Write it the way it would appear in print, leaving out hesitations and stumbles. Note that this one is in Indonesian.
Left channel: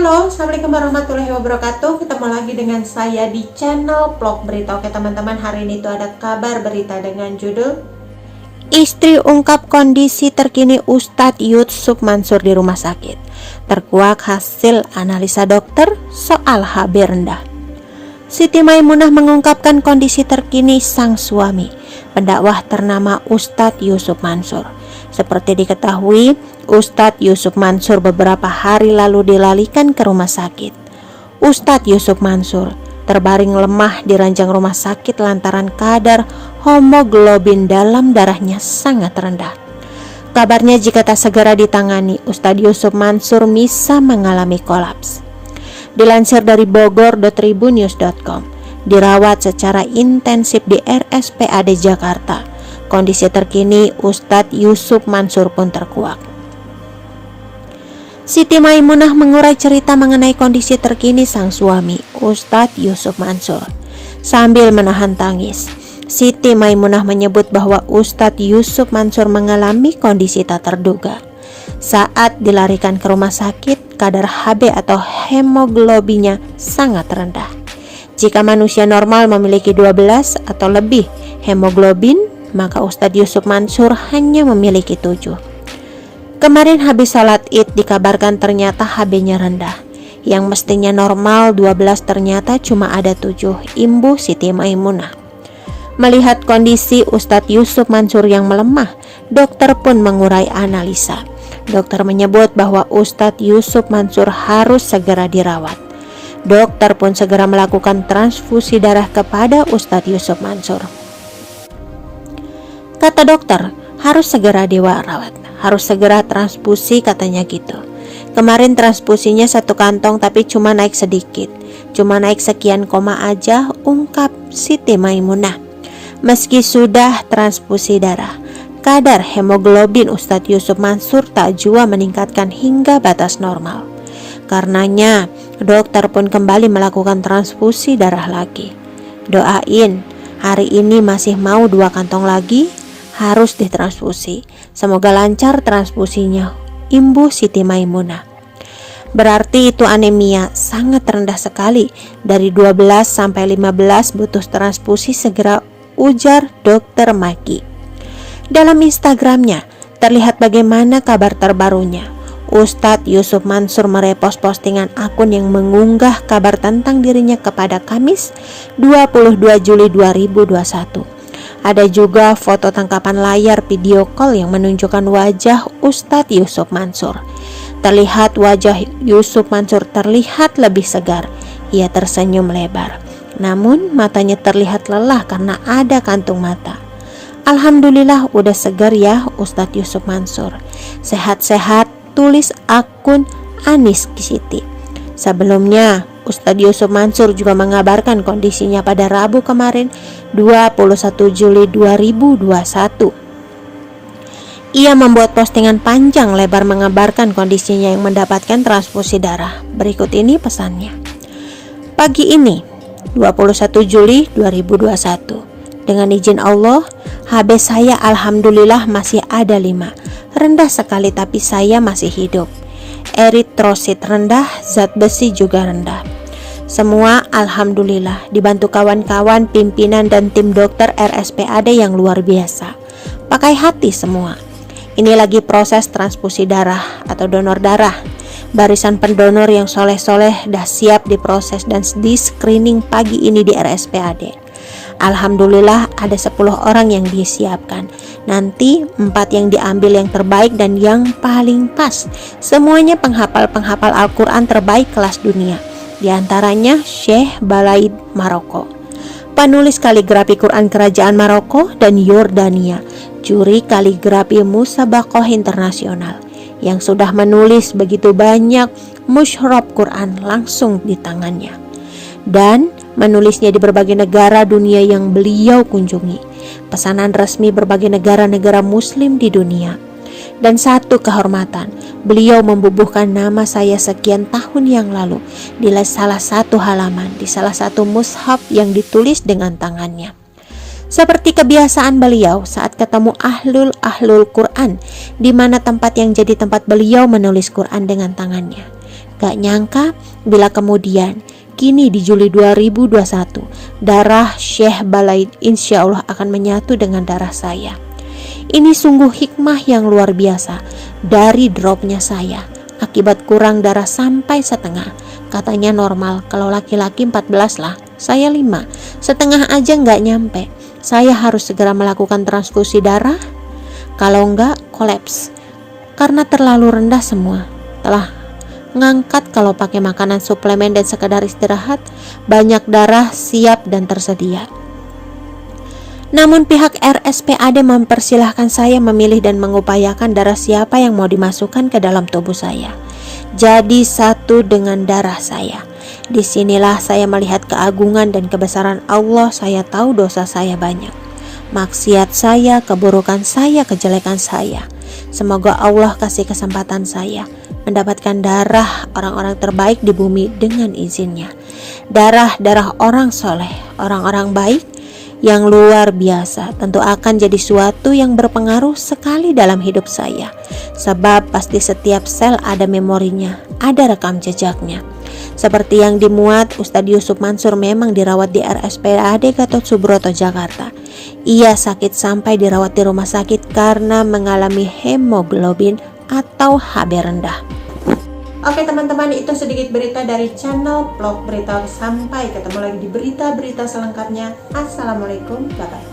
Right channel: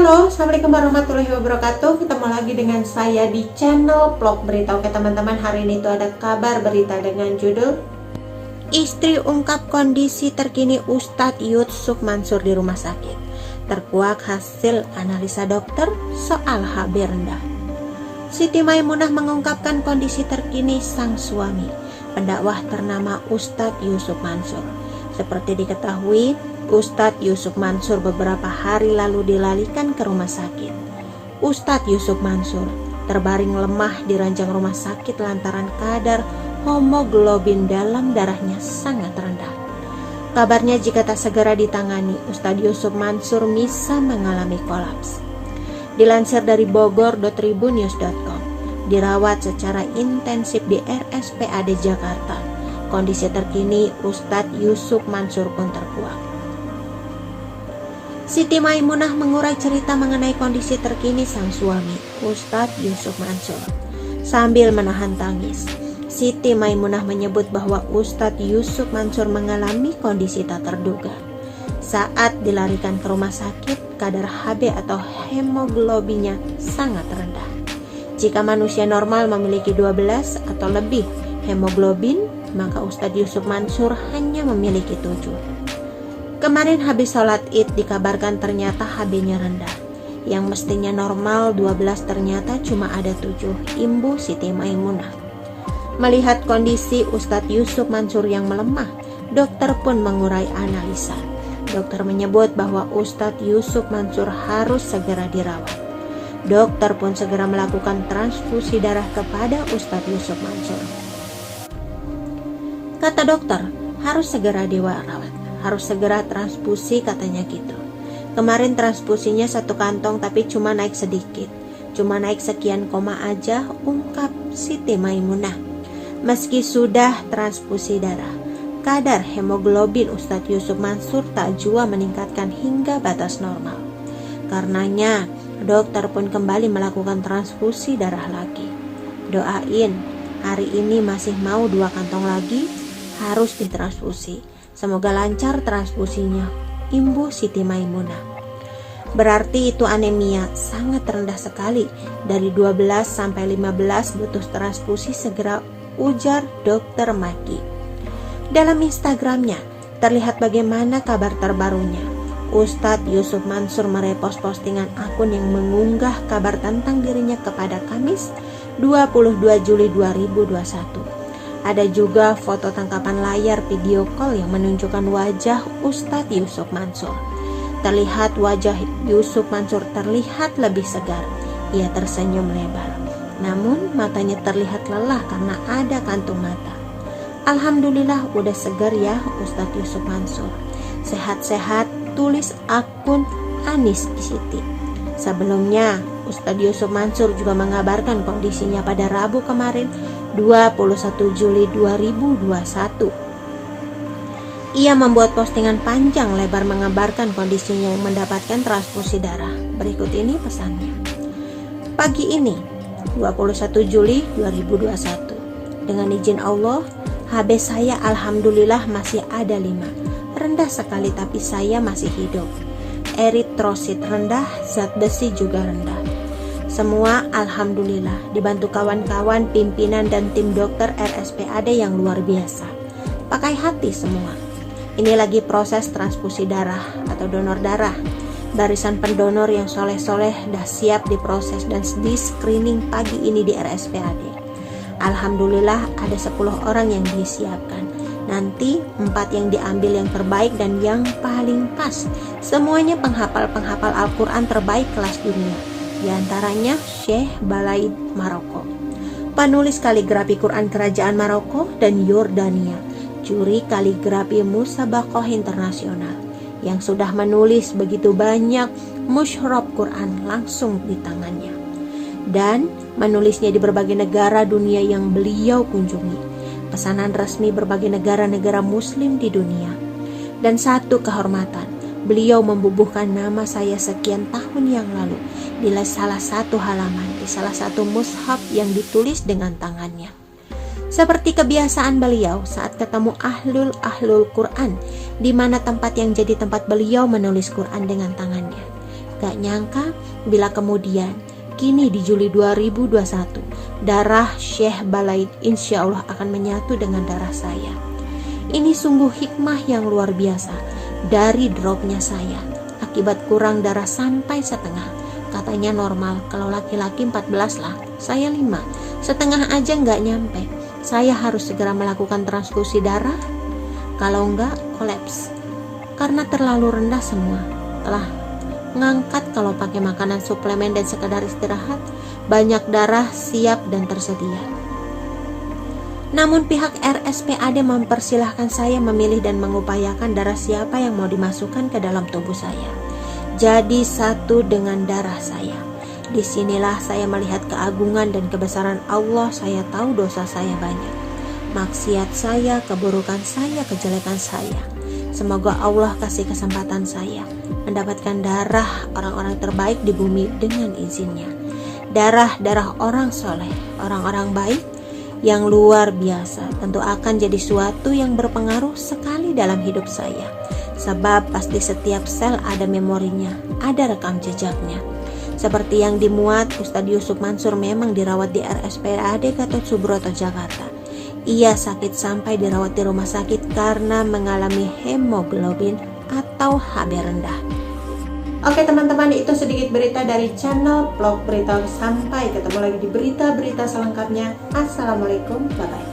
Halo, Assalamualaikum warahmatullahi wabarakatuh. Ketemu lagi dengan saya di channel Vlog Berita. Oke teman-teman, hari ini itu ada kabar berita dengan judul Istri ungkap kondisi terkini Ustadz Yusuf Mansur di rumah sakit. Terkuak hasil analisa dokter soal HB rendah. Siti Maimunah mengungkapkan kondisi terkini sang suami, pendakwah ternama Ustadz Yusuf Mansur. Seperti diketahui, Ustadz Yusuf Mansur beberapa hari lalu dilarikan ke rumah sakit. Ustadz Yusuf Mansur terbaring lemah di ranjang rumah sakit lantaran kadar hemoglobin dalam darahnya sangat rendah. Kabarnya jika tak segera ditangani, Ustadz Yusuf Mansur bisa mengalami kolaps. Dilansir dari bogor.tribunnews.com, dirawat secara intensif di RSPAD Jakarta. Kondisi terkini Ustadz Yusuf Mansur pun terkuak. Siti Maimunah mengurai cerita mengenai kondisi terkini sang suami, Ustadz Yusuf Mansur. Sambil menahan tangis, Siti Maimunah menyebut bahwa Ustadz Yusuf Mansur mengalami kondisi tak terduga. Saat dilarikan ke rumah sakit, kadar HB atau hemoglobinnya sangat rendah. Jika manusia normal memiliki 12 atau lebih hemoglobin, maka Ustadz Yusuf Mansur hanya memiliki 7. Kemarin habis salat Id dikabarkan ternyata HB-nya rendah. Yang mestinya normal 12 ternyata cuma ada 7, imbuh Siti Maimunah. Melihat kondisi Ustadz Yusuf Mansur yang melemah, dokter pun mengurai analisa. Dokter menyebut bahwa Ustadz Yusuf Mansur harus segera dirawat. Dokter pun segera melakukan transfusi darah kepada Ustadz Yusuf Mansur. Kata dokter, harus segera dirawat, harus segera transfusi katanya gitu. Kemarin transfusinya 1 kantong tapi cuma naik sedikit, cuma naik sekian koma aja, ungkap Siti Maimunah. Meski sudah transfusi darah, kadar hemoglobin Ustadz Yusuf Mansur tak jua meningkatkan hingga batas normal. Karenanya dokter pun kembali melakukan transfusi darah lagi. Doain, hari ini masih mau 2 kantong lagi, harus ditransfusi. Semoga lancar transfusinya, imbuh Siti Maimunah. Berarti itu anemia sangat rendah sekali. Dari 12 sampai 15 butuh transfusi segera, ujar Dokter Maki. Dalam Instagramnya terlihat bagaimana kabar terbarunya. Ustadz Yusuf Mansur merepost postingan akun yang mengunggah kabar tentang dirinya kepada Kamis 22 Juli 2021. Ada juga foto tangkapan layar video call yang menunjukkan wajah Ustadz Yusuf Mansur. Terlihat wajah Yusuf Mansur terlihat lebih segar. Ia tersenyum lebar. Namun matanya terlihat lelah karena ada kantung mata. Alhamdulillah udah segar ya Ustadz Yusuf Mansur. Sehat-sehat, tulis akun Anis Siti. Sebelumnya, Ustadz Yusuf Mansur juga mengabarkan kondisinya pada Rabu kemarin 21 Juli 2021. Ia membuat postingan panjang lebar mengabarkan kondisinya yang mendapatkan transfusi darah. Berikut ini pesannya. Pagi ini 21 Juli 2021, dengan izin Allah, HB saya alhamdulillah masih ada 5. Rendah sekali tapi saya masih hidup. Eritrosit rendah, zat besi juga rendah. Semua alhamdulillah dibantu kawan-kawan, pimpinan dan tim dokter RSPAD yang luar biasa. Pakai hati semua. Ini lagi proses transfusi darah atau donor darah. Barisan pendonor yang soleh-soleh dah siap diproses dan di screening pagi ini di RSPAD. Alhamdulillah ada 10 orang yang disiapkan. Nanti 4 yang diambil yang terbaik dan yang paling pas. Semuanya penghafal Al-Quran terbaik kelas dunia. Di antaranya Syekh Balaid Maroko, penulis kaligrafi Quran Kerajaan Maroko dan Yordania, juri kaligrafi Musabakoh Internasional yang sudah menulis begitu banyak musyraf Quran langsung di tangannya dan menulisnya di berbagai negara dunia yang beliau kunjungi, pesanan resmi berbagai negara-negara muslim di dunia. Dan satu kehormatan, beliau membubuhkan nama saya sekian tahun yang lalu di salah satu halaman, di salah satu mushaf yang ditulis dengan tangannya. Seperti kebiasaan beliau saat ketemu ahlul Quran, di mana tempat yang jadi tempat beliau menulis Quran dengan tangannya. Gak nyangka bila kemudian kini di Juli 2021 darah Syekh Balaid insya Allah akan menyatu dengan darah saya. Ini sungguh hikmah yang luar biasa dari dropnya saya. Akibat kurang darah sampai setengah. Katanya normal kalau laki-laki 14 lah, saya 5. Setengah aja gak nyampe. Saya harus segera melakukan transfusi darah. Kalau enggak kolaps. Karena terlalu rendah semua. Telah ngangkat kalau pakai makanan suplemen dan sekadar istirahat, banyak darah siap dan tersedia. Namun pihak RSPAD mempersilahkan saya memilih dan mengupayakan darah siapa yang mau dimasukkan ke dalam tubuh saya. Jadi satu dengan darah saya. Disinilah saya melihat keagungan dan kebesaran Allah. Saya tahu dosa saya banyak, maksiat saya, keburukan saya, kejelekan saya. Semoga Allah kasih kesempatan saya mendapatkan darah orang-orang terbaik di bumi dengan izinnya. Darah orang soleh, orang-orang baik yang luar biasa tentu akan jadi suatu yang berpengaruh sekali dalam hidup saya. Sebab pasti setiap sel ada memorinya, ada rekam jejaknya. Seperti yang dimuat Ustadz Yusuf Mansur memang dirawat di RSPAD Gatot Subroto, Jakarta. Ia sakit sampai dirawat di rumah sakit karena mengalami hemoglobin atau HB rendah. Oke teman-teman, itu sedikit berita dari channel Vlog Berita. Sampai ketemu lagi di berita-berita selengkapnya. Assalamualaikum, bye-bye.